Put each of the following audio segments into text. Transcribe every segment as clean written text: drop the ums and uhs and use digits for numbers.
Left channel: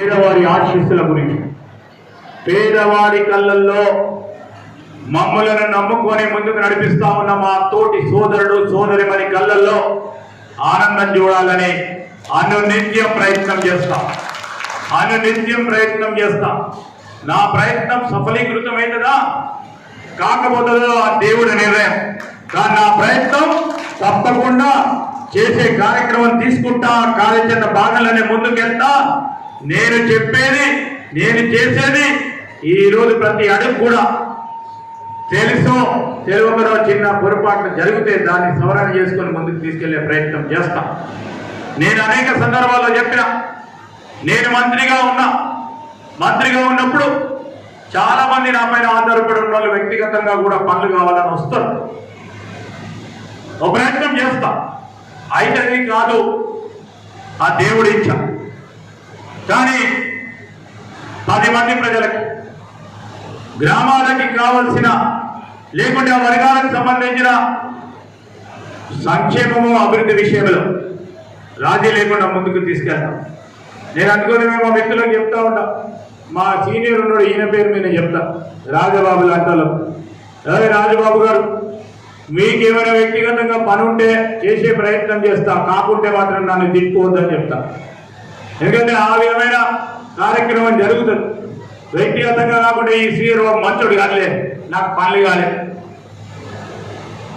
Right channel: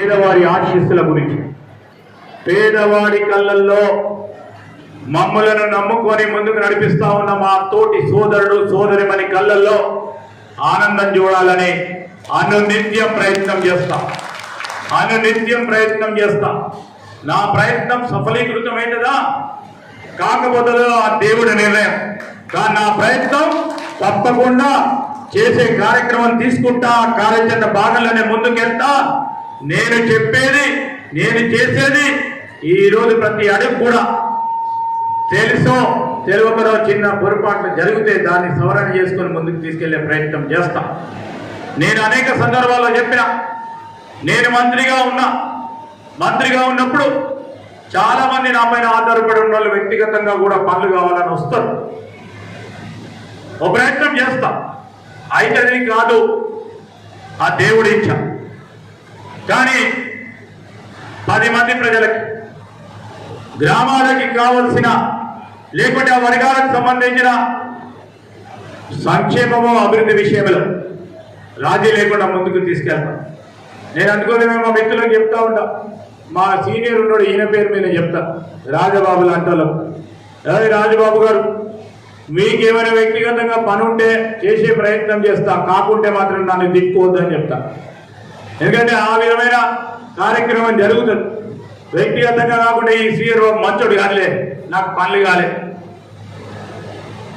పేదవారి ఆశీస్సుల గురించి, పేదవాడి కళ్ళల్లో మమ్మలను నమ్ముకొని ముందుకు నడిపిస్తా ఉన్న మా తోటి సోదరుడు సోదరిమణి కళ్ళల్లో ఆనందం చూడాలని అనునిత్యం ప్రయత్నం చేస్తాం. నా ప్రయత్నం సఫలీకృతమైనదా కాకపోతుందో ఆ దేవుడి నిర్ణయం. కానీ నా ప్రయత్నం తప్పకుండా చేసే కార్యక్రమం తీసుకుంటా, కార్యాచరణ భాగంలోనే ముందుకెళ్తా. నేను చెప్పేది, నేను చేసేది ఈరోజు ప్రతి అడుగు కూడా తెలుసో తెలియకరో చిన్న పొరపాట్లు జరిగితే దాన్ని సవరణ చేసుకొని ముందుకు తీసుకెళ్లే ప్రయత్నం చేస్తాం. నేను అనేక సందర్భాల్లో చెప్పిన, నేను మంత్రిగా ఉన్నప్పుడు చాలా మంది నా పైన ఆధారపడి ఉన్న వాళ్ళు వ్యక్తిగతంగా కూడా పనులు కావాలని వస్తారు. ఒక ప్రయత్నం చేస్తా, అయితే కాదు ఆ దేవుడి ఇచ్చ. కానీ 10 మంది ప్రజలకి, గ్రామాలకి కావలసిన లేకుంటే ఆ వర్గాలకు సంబంధించిన సంక్షేమము అభివృద్ధి విషయంలో రాజీ లేకుండా ముందుకు తీసుకెళ్తాం. నేను అనుకోలేదు, మా వ్యక్తులకు చెప్తా ఉంటా, మా సీనియర్ ఉన్నాడు, ఈయన పేరు మీద చెప్తా, రాజబాబు లాంటి. రాజబాబు గారు, మీకేమైనా వ్యక్తిగతంగా పని ఉంటే చేసే ప్రయత్నం చేస్తా, కాకుంటే మాత్రం నన్ను దిక్కువద్దని చెప్తా. ఎందుకంటే ఆ విధమైన కార్యక్రమం జరుగుతుంది. వ్యక్తిగతంగా కాకుండా ఈ సీఆర్ మంచోడు కానిలే, నాకు పనులు కాలే,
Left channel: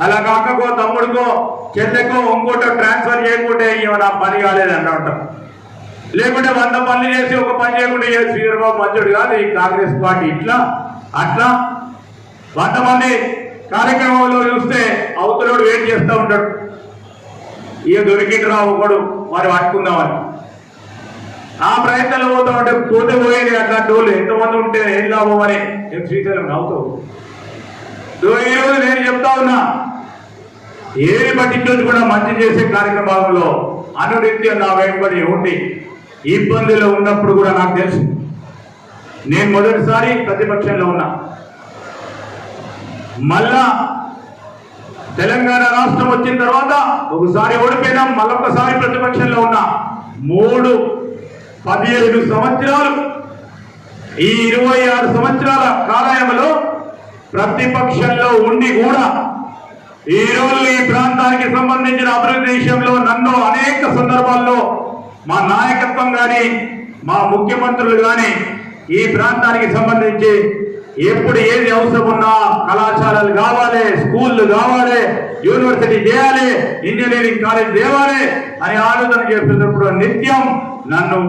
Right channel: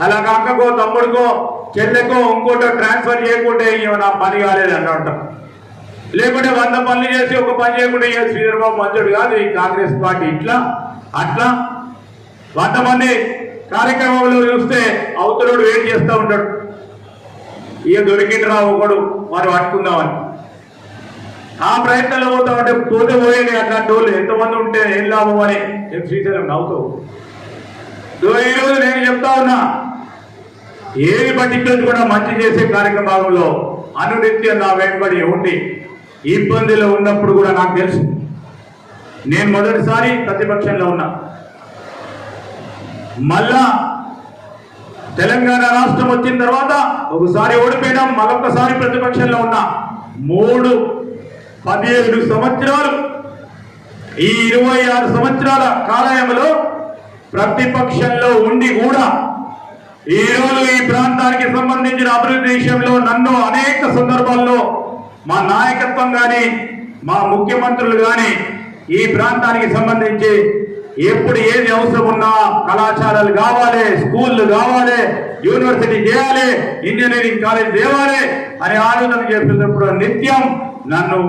అలా కాకకో తమ్ముడికో చెల్లెకో ఇంకోటో ట్రాన్స్ఫర్ చేయకుంటే నా పని కాలేదు అంటాం. లేకుంటే 100 పనులు చేసి ఒక పని చేయకుండా శ్రీధర్ బాబు మంచోడు కాదు, ఈ కాంగ్రెస్ పార్టీ ఇట్లా అట్లా 100 మంది కార్యక్రమంలో చూస్తే అవతలోడు వెయిట్ చేస్తూ ఉంటాడు. ఇక దొరికిండ్రా ఒకడు మరి పట్టుకుందామని ఆ ప్రయత్నంలో పోతా ఉంటే పోయింది. అట్లాంటి వాళ్ళు ఎంతమంది ఉంటే ఏం లాభం అని శ్రీశైలం నవ్వుతావు. ఈరోజు నేను చెప్తా ఉన్నా, ఏది పట్టించుకొని కూడా మంచి చేసే కార్యక్రమాలలో అనునిత్యం నా వెంబడి ఉండి ఇబ్బందులు ఉన్నప్పుడు కూడా నాకు తెలుసు. నేను మొదటిసారి ప్రతిపక్షంలో ఉన్నా, మళ్ళా తెలంగాణ రాష్ట్రం వచ్చిన తర్వాత ఒకసారి ఓడిపోయినా, మరొకసారి ప్రతిపక్షంలో ఉన్నా. 15 సంవత్సరాలు, ఈ 26 సంవత్సరాల కాలయంలో ప్రతిపక్షంలో ఉండి కూడా ఈరోజు ఈ ప్రాంతానికి సంబంధించిన అభివృద్ధి విషయంలో నన్ను అనేక సందర్భాల్లో మా నాయకత్వం కానీ మా ముఖ్యమంత్రులు కానీ ఈ ప్రాంతానికి సంబంధించి ఎప్పుడు ఏది అవసరం ఉన్నా కళాశాలలు కావాలి, స్కూళ్ళు కావాలి, యూనివర్సిటీ చేయాలి, ఇంజనీరింగ్ కాలేజ్ తేవాలి అని ఆలోచన చేస్తున్నప్పుడు నిత్యం నన్ను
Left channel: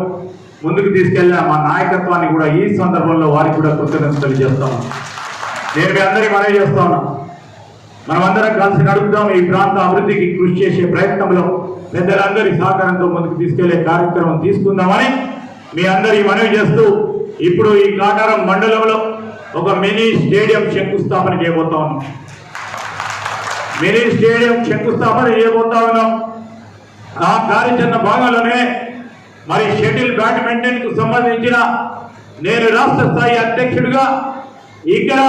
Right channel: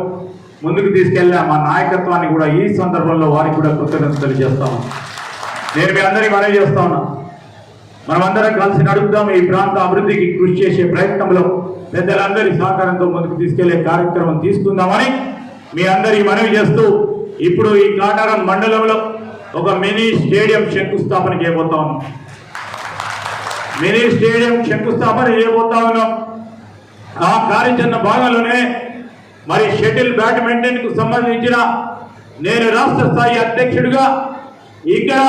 ముందుకు తీసుకెళ్ళా. మా నాయకత్వాన్ని కూడా ఈ సందర్భంలో వారికి కూడా కృతజ్ఞతలు చేస్తాను. నేను మీ అందరికీ మనవి చేస్తా ఉన్నా, మనమందరం కలిసి నడుపుదాం. ఈ ప్రాంత అభివృద్ధికి కృషి చేసే ప్రయత్నంలో పెద్దలందరి సహకారంతో ముందుకు తీసుకెళ్లే కార్యక్రమం తీసుకుందామని మీ అందరికీ మనవి చేస్తూ, ఇప్పుడు ఈ కాటారం మండలంలో ఒక మినీ స్టేడియం శంకుస్థాపన చేయబోతా ఉన్నాం. ఆ కార్యాచరణ భాగంలోనే మరి షటిల్ బ్యాడ్మింటన్ కు సంబంధించిన నేను రాష్ట్ర స్థాయి అధ్యక్షుడిగా ఇక్కడ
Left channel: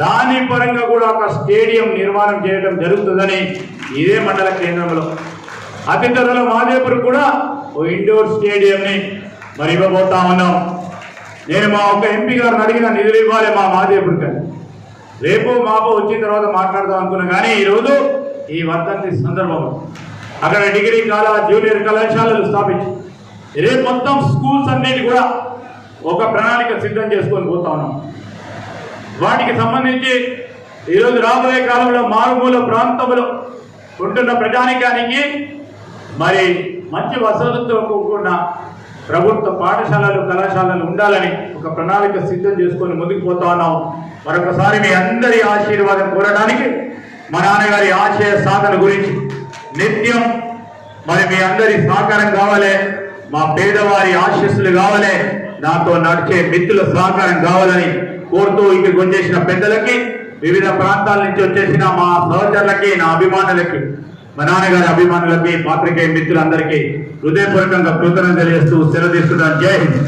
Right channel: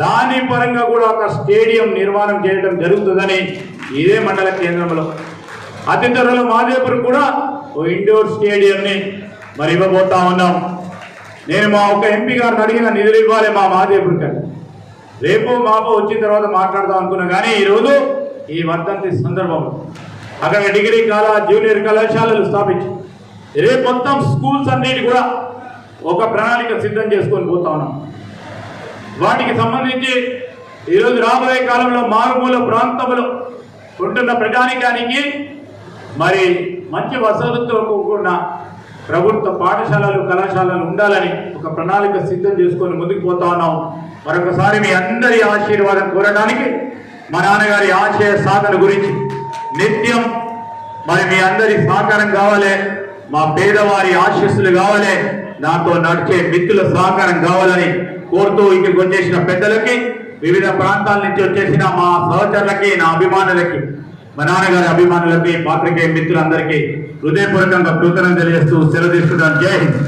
దాని పరంగా కూడా ఒక స్టేడియం నిర్మాణం చేయడం జరుగుతుందని ఇదే మండల కేంద్రంలో అతి త్వరలో మాదేపురం కూడా ఓ ఇండోర్ స్టేడియంని మరి ఇవ్వబోతా ఉన్నాం. నేను మా ఒక్క ఎంపీ గారిని అడిగిన నిధులు ఇవ్వాలి మా మాదేపురం, రేపు మాపో వచ్చిన తర్వాత మాట్లాడదాం అనుకున్నా. కానీ ఈరోజు ఈ వర్ధంతి సందర్భంలో అక్కడ డిగ్రీ జూనియర్ కళాశాలలు స్థాపించి రేపు మొత్తం స్కూల్స్ అన్నిటి కూడా ఒక ప్రణాళిక సిద్ధం చేసుకొని పోతా ఉన్నాం. వాటికి సంబంధించి ఈరోజు రాబోయే కాలంలో మారుమూల ప్రాంతంలో ఉంటున్న ప్రజానికానికి మరి మంచి వసతులతో కూడిన ప్రభుత్వ పాఠశాలలు కళాశాలలు ఉండాలని ఒక ప్రణాళిక సిద్ధం చేసుకొని ముందుకు పోతా ఉన్నాం. మరొకసారి మీ అందరి ఆశీర్వాదం కోరడానికి, మా నాన్నగారి ఆశయ సాధన గురించి నిత్యం మరి మీ అందరి సహకారం కావాలి, మా పేదవారి ఆశీస్సులు కావాలి, నాతో నడిచే మిత్రుల సహకారం కావాలని కోరుతూ ఇక్కడికి వచ్చేసిన పెద్దలకి, వివిధ ప్రాంతాల నుంచి వచ్చేసిన మా సహచరులకి, నా అభిమానులకి, మా నాన్నగారి అభిమానులకి, పాత్రికేయ మిత్రులందరికీ హృదయపూర్వకంగా కృతజ్ఞతలు చేస్తూ సెలవు తీసుకుంటాను. జై హింద్.